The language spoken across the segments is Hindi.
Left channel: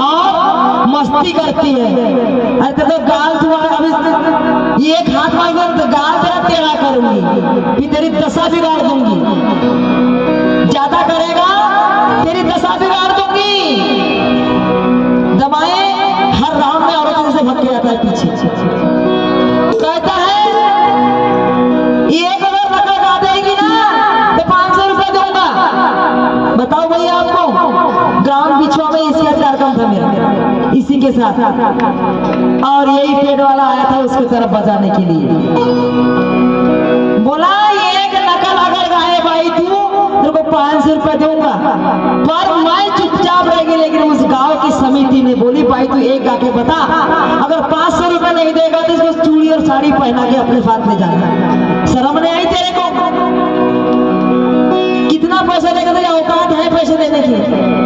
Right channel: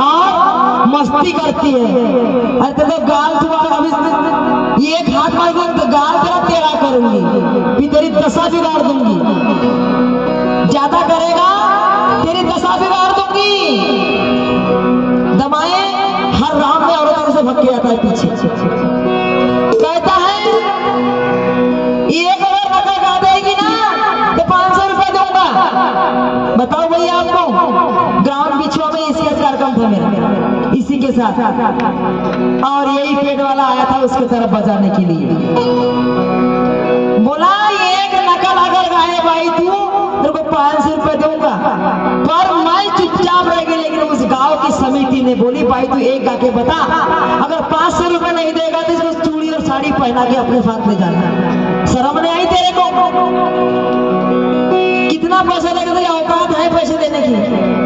और मस्ती करती है। अरे तो गाल तुम्हारा अभी एक हाथ मांगे तो गाल तेरा टेढ़ा करूंगी, फिर तेरी दशा बिगाड़ दूंगी। ज्यादा करेगा तेरी दशा बिगाड़ दूंगी। दबाए हर राम में औरत से भग के आता है पीछे। कहता है एक अगर नका गा देगी ना तो 500 रुपया दूंगा। बताओ भैया आपको ग्राम बिछुआ में इसी कार्यक्रम था मेरा, इसी के साथ, और यही पेड़ वाला आया था उसके तरफ बजाने के लिए। बोला एक नकल अगर गाए भाई तू तेरे को 500 रुपया दूंगा। पर मैं चुपचाप रह गई। लेकिन उस गांव की समिति ने बोली भाई तू एक गा के बता, अगर 500 रुपया नहीं देगा तो इसको चूड़ी और साड़ी पहना के अपने साथ ले जाना। शर्म नहीं आई तेरे को? कितना पैसा देगा? तेरी औकात है पैसे देने की?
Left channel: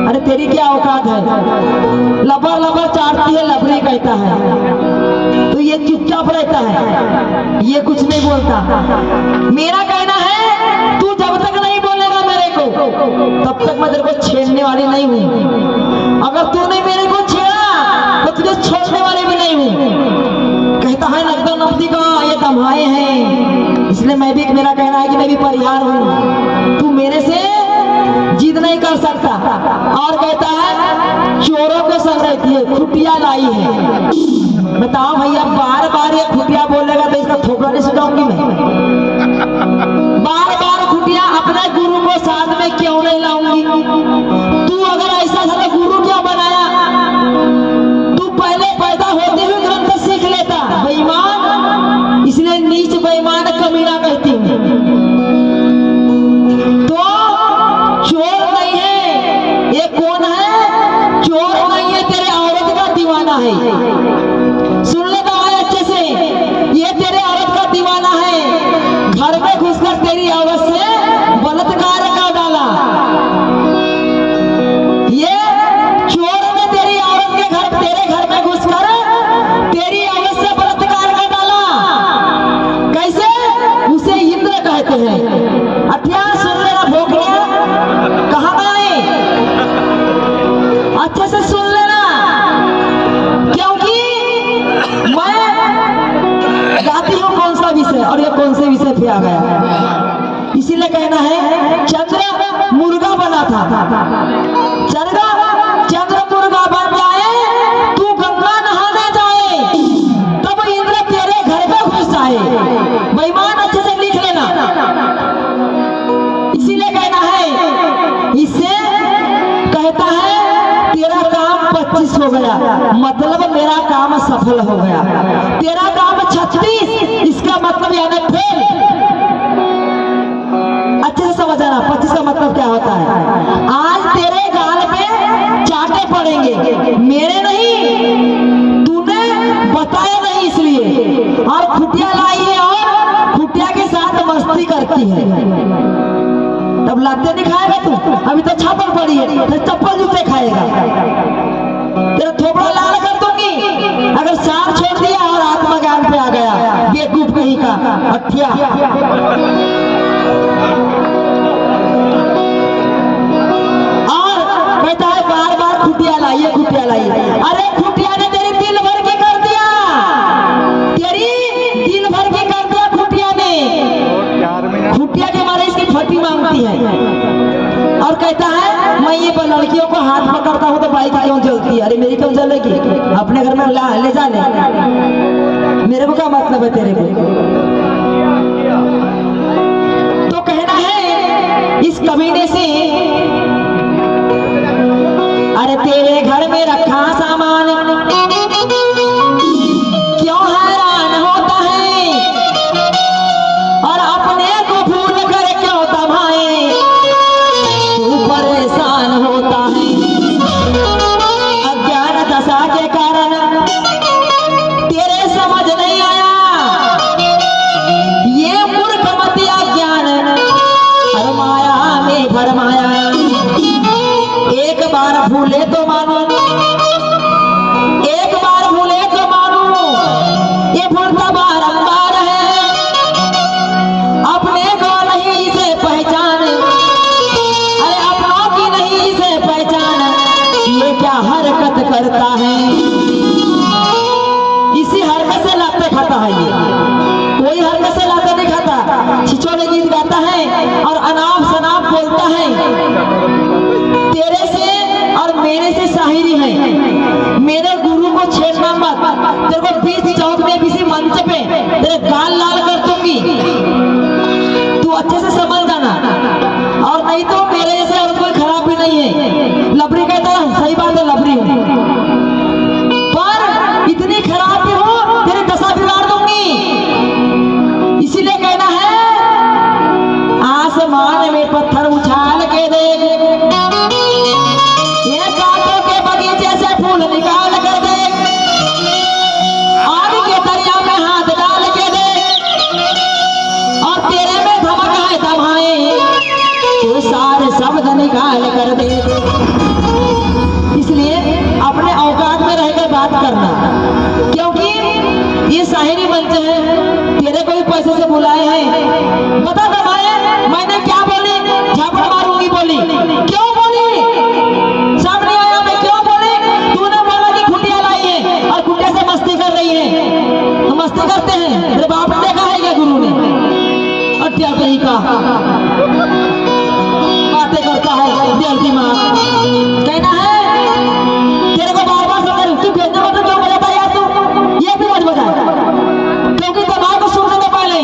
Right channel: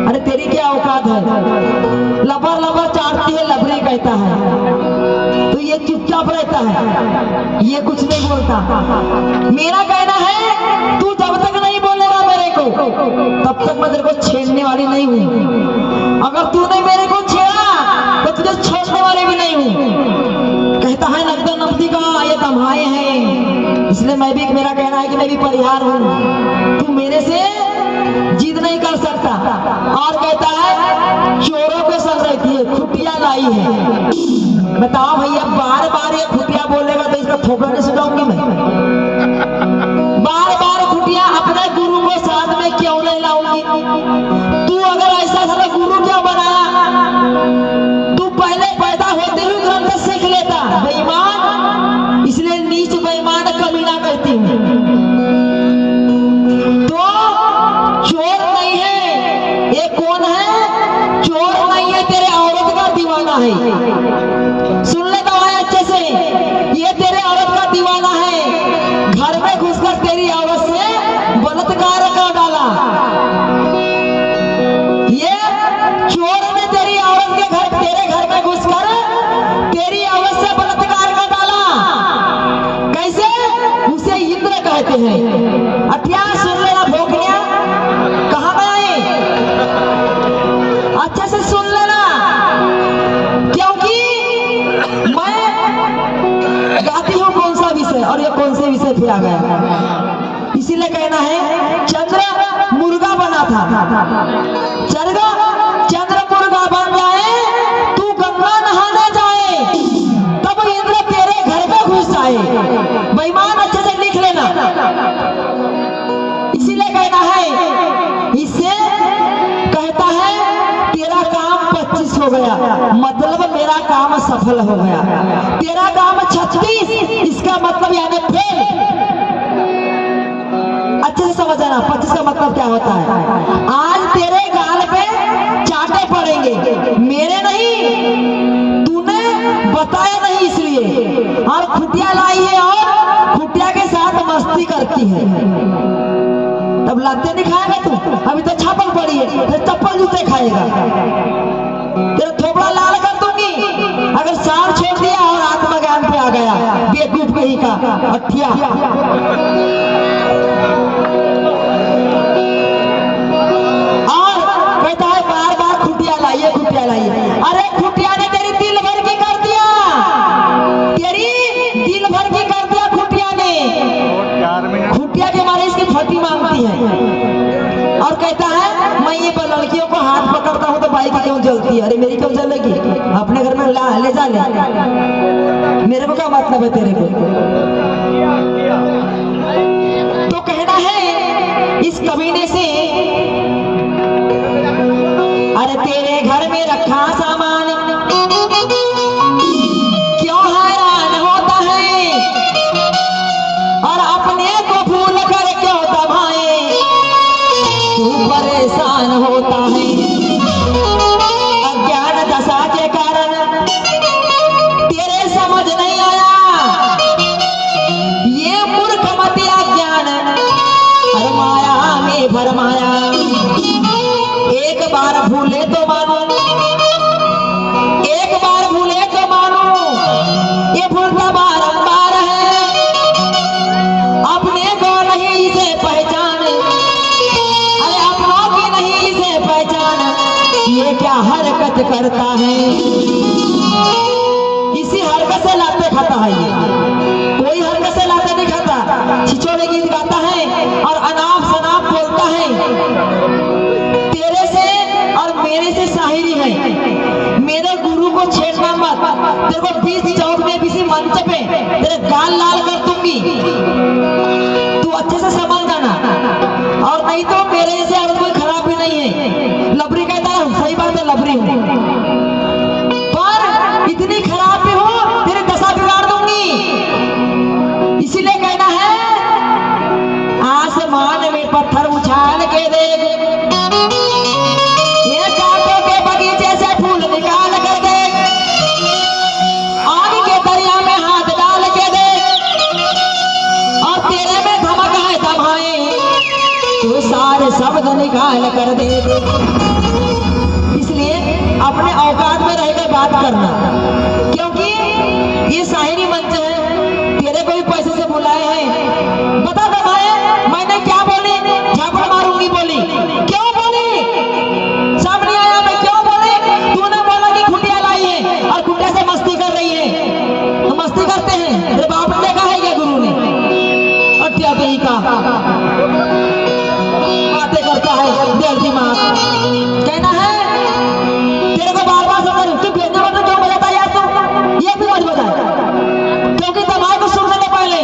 अरे तेरी क्या औकात है? लबर लबर चाटती है, लबरी कहता है। तो ये चुपचाप रहता है, ये कुछ नहीं बोलता। मेरा कहना है तू जब तक नहीं बोलेगा मेरे को तब तक मैं तेरे को छेड़ने वाली नहीं हूँ। अगर तूने मेरे को छेड़ा तो तुझे छोड़ने वाली भी नहीं हूँ। कहता है लगता नब्दी का ये दमाए हैं, इसलिए मैं भी, मेरा कहना है कि मैं भी परिहार हूँ, तू मेरे से जिद नहीं कर सकता। और कहता है चोरों को सर रहती है, खुटिया लाई है। बताओ भैया बार बार ये खुटिया बोलेगा तो इसका थोपड़ा नहीं सुनाऊंगी मैं? बार बार खुटिया अपने गुरु को साथ में क्यों नहीं लाऊंगी? तू अगर ऐसा था गुरु क्यों बनाया? तू पहले पैदा होते हुए ग्रंथ सीख लेता। बेईमान, इसलिए नीच बेईमान कमीना कहती हूँ। तो चोर नहीं है ये, कौन है? चोर नहीं है, तेरे औरत का दीवाना है। सुन लेता है अच्छे से, ये तेरे औरत का दीवाना है। घर में घुसकर तेरी औरत से बलात्कार कर डाला। ये चोर ने तेरी औरत के घर, तेरे घर में घुसकर तेरी औरत से बलात्कार कर डाला। कैसे? उसे इंद्र कहते हैं। अत्या सुन लेना भोगनिया, कहाँ गए? अच्छे से सुन लेना, क्योंकि मैं गाती हूँ कौन सा विषय और ये कौन से विषय पे आ गया। इसीलिए कहना है चंद्र मुर्गा बना था। चंद्र मुर्गा बन जाए, तू गंगा नहाने जाए, तब इंद्र तेरे घर में घुस जाए। बेईमान अच्छे से लिख लेना। इसीलिए कहना है, इससे कहता है तेरा काम 25 हो गया, मतलब मेरा काम सफल हो गया। तेरा काम 36, इसका मतलब यानी फेल। अच्छे से समझ आना 25 का मतलब क्या होता है। आज तेरे गाल पे चाटे पड़ेंगे, मेरे नहीं, तूने बताया नहीं इसलिए। और खुटिया लाई है और खुटिया के साथ मस्ती करती है। तब लाते नहीं खाएगा तू, अभी तो छापल पड़ी है, तो चप्पल जूते खाएगा। तेरा थोपड़ा लाल कर दूंगी अगर सांप छोड़ दिया और आत्मा ज्ञान पे आ गया। बेवकूफ कहीं का अठिया। और कहता है बार बार खुटिया लाइए, खुटिया लाइए। अरे खुटिया ने तेरी दिल भर की कर दिया, तेरी दिल भर की कर दिया खुटिया ने। खुटिया के बारे इसकी फटी मांगती है और कहता है मैं ये लड़कियों को हाथ पकड़ता हूँ तो बाइक क्यों जलती है? अरे मेरी क्यों जलेगी? अपने घर में ले जा ले, मेरे को क्या मतलब है तेरे को? तो कहना है इस कमीने से, अरे तेरे घर में रखा सामान क्यों हैरान होता है, और अपने को भूल कर क्यों दबाए तू परेशान होता है। अज्ञान दशा के कारण तेरे समझ नहीं आया, ये मूर्खमती अज्ञान फरमाया में फरमाया। एक बार भूले तो मानो, एक बार भूले तो मानो, ये भूलता बारंबार है। अपने को नहीं इसे पहचान, अरे अपनों की नहीं इसे पहचान, ये क्या हरकत करता है। इसी हरकत से लाते खाता है ये, कोई हरकत से लाते नहीं खाता। छिछोरे गीत गाता है और अनाप शनाप बोलता है। तेरे से और मेरे से शायरी है। मेरे गुरु को छेड़ना मत, तेरे को बीच चौक में किसी मंच पे तेरे गाल लाल कर दूंगी, तू अच्छे से समझ जाना। और नहीं तो मेरे जैसे औरत कोई खराब भी नहीं है। लबरी कहता हूँ, सही बात है, लबरी हूँ, पर इतनी खराब भी हो तेरी दशा बिगाड़ दूंगी। इसीलिए कहना है, आसमान में पत्थर उछाल के देख, ये कांटों के बगीचे से फूल निकाल कर देख, आग के दरिया में हाथ डाल के देख, और तेरे में धमक है दमाए, तू सारे शब्द निकाल कर दे। इसलिए अपने औकात में रहकर बात करना, क्योंकि ये शायरी मंच है, तेरे को भी पैसे से बुलाए हैं। बता दमाए मैंने क्या बोली? झापड़ मारूंगी बोली। क्यों बोली? सामने आया मैं क्यों बोली? तूने बोला कि खुटिया लाई है और खुटिया से मस्ती कर रही है। तो मस्ती करते हैं, तेरे बाप ने देखा है क्या गुरु ने? अट्टिया कहीं का बातें करता है देव दिमाग। कहना है तेरे को बार बार समझ, तू भेजने वाले क्यों बजाता यार? तू ये भी मत बजा, क्योंकि दबाव को सुनने से पहले,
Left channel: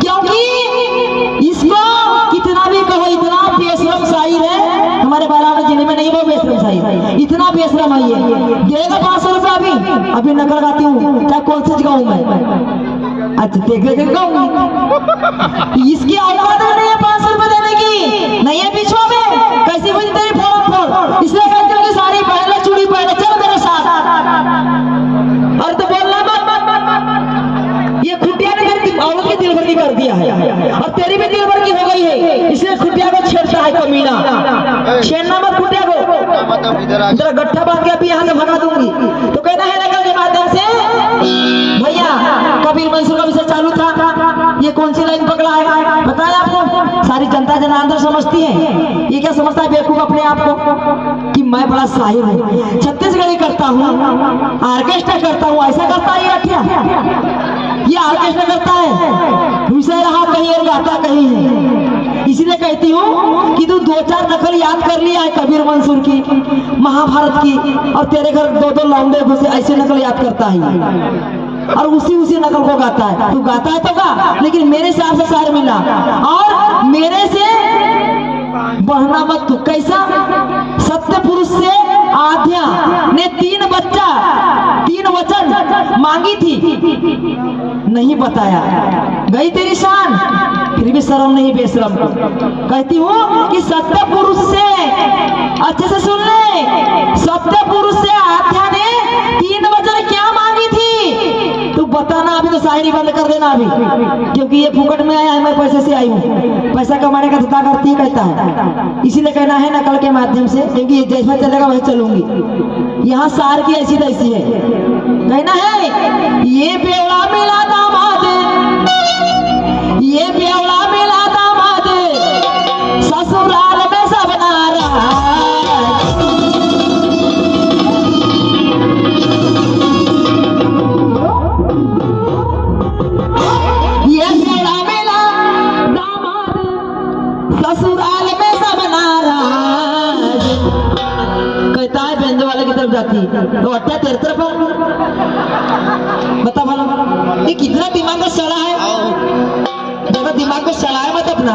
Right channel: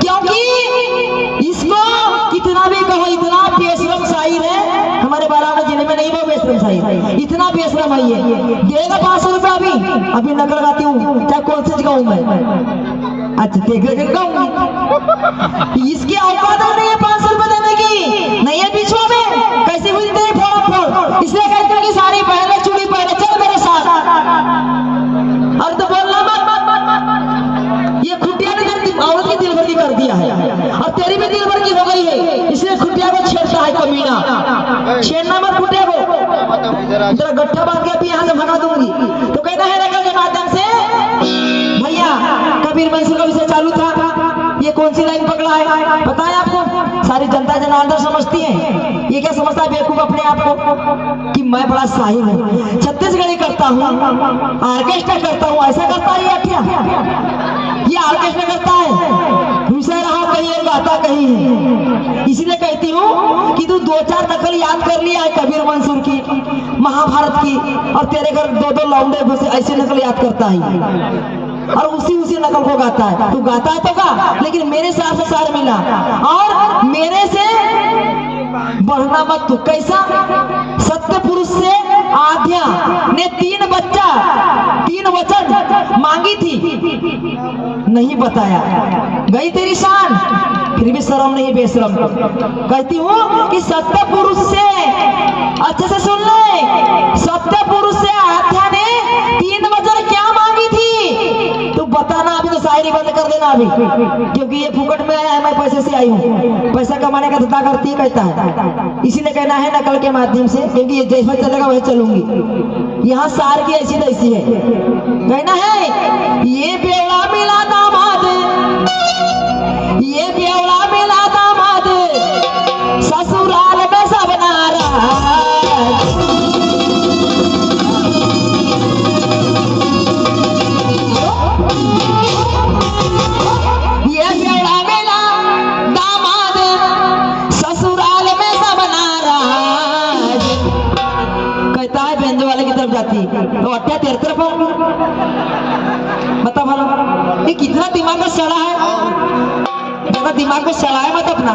क्योंकि इसको कितना भी कहो, इतना बेशरम शायर है हमारे बालाघाट जिले में, नहीं वो बेशरम शायर, इतना बेशरम है ये। देगा 500 रुपया अभी नकल गाती हूँ, चाहे कौन सी गाऊँ मैं। अच्छा देख गाऊंगी, इसकी औकात नहीं है 500 रुपए देने की, नहीं है बीचवा में। कैसे बुझते हैं फोड़, इसलिए कहते हैं कि साड़ी पहने, चूड़ी पहने, चल मेरे साथ। और तो बोलना मत, ये खुटिया ने तेरी औरत की दिलभर कर दिया है और तेरी भी दिलभर की हो गई है, इसलिए खुटिया को छेड़ता है कमीना। छेड़ना मत खुटिया को, जरा गट्ठा बांध के अभी यहाँ से भगा दूंगी। तो कहना है नकल के माध्यम से, भैया कबीर मंसूर का विषय चालू था, ये कौन सी लाइन पकड़ा है बताया आपको? सारी जनता जनार्दन समझती है, ये क्या समझता है बेवकूफ अपने आप को कि मैं बड़ा साहिब हूँ, छत्तीसगढ़ी करता हूँ, ऑर्केस्ट्रा करता हूँ। ऐसा करता है ये ऑर्केस्ट्रा करता है, दूसरा रहा कहीं और गाता कहीं है। इसीलिए कहती हूँ कि तू 2-4 नकल याद कर लिया है कबीर मंसूर की, महाभारत की, और तेरे घर 2-2 लौंडे घुसे, ऐसे नकल याद करता है और उसी नकल को गाता है। तू गाता है तो गा, लेकिन मेरे साथ से सार मिला और मेरे से बढ़ना मत। तू कैसा? सत्य पुरुष से आध्या ने 3 वचन मांगी थी, नहीं बताया, गई तेरी शान, फिर भी शर्म नहीं बेशरम। कहती हूँ कि सत्य पुरुष से, अच्छे से सुन ले, सत्य पुरुष से आध्या ने 3 वचन क्या मांगी थी? तू बताना, अभी तो शायरी बंद कर देना अभी, क्योंकि ये फुकट में आया है, मैं पैसे से आई हूँ, पैसा कमाने का धंधा करती है कहता है। इसीलिए कहना है नकल के माध्यम से, क्योंकि ये जैसा चलेगा वही चलूंगी। यहाँ सार की ऐसी तैसी है। कहना है ये बेवड़ा मिला दामाद, ये बेवड़ा मिला दामाद, ससुराल में सब नाराज। ये बेवड़ा मिला दामाद, ससुराल में सब नाराज। कहता है बेंजो वाले की तरफ जाती तो अट्टा तेरे तरफ बता भला, ये कितना दिमाग का सड़ा है, दिमाग को सड़ा है मत अपना।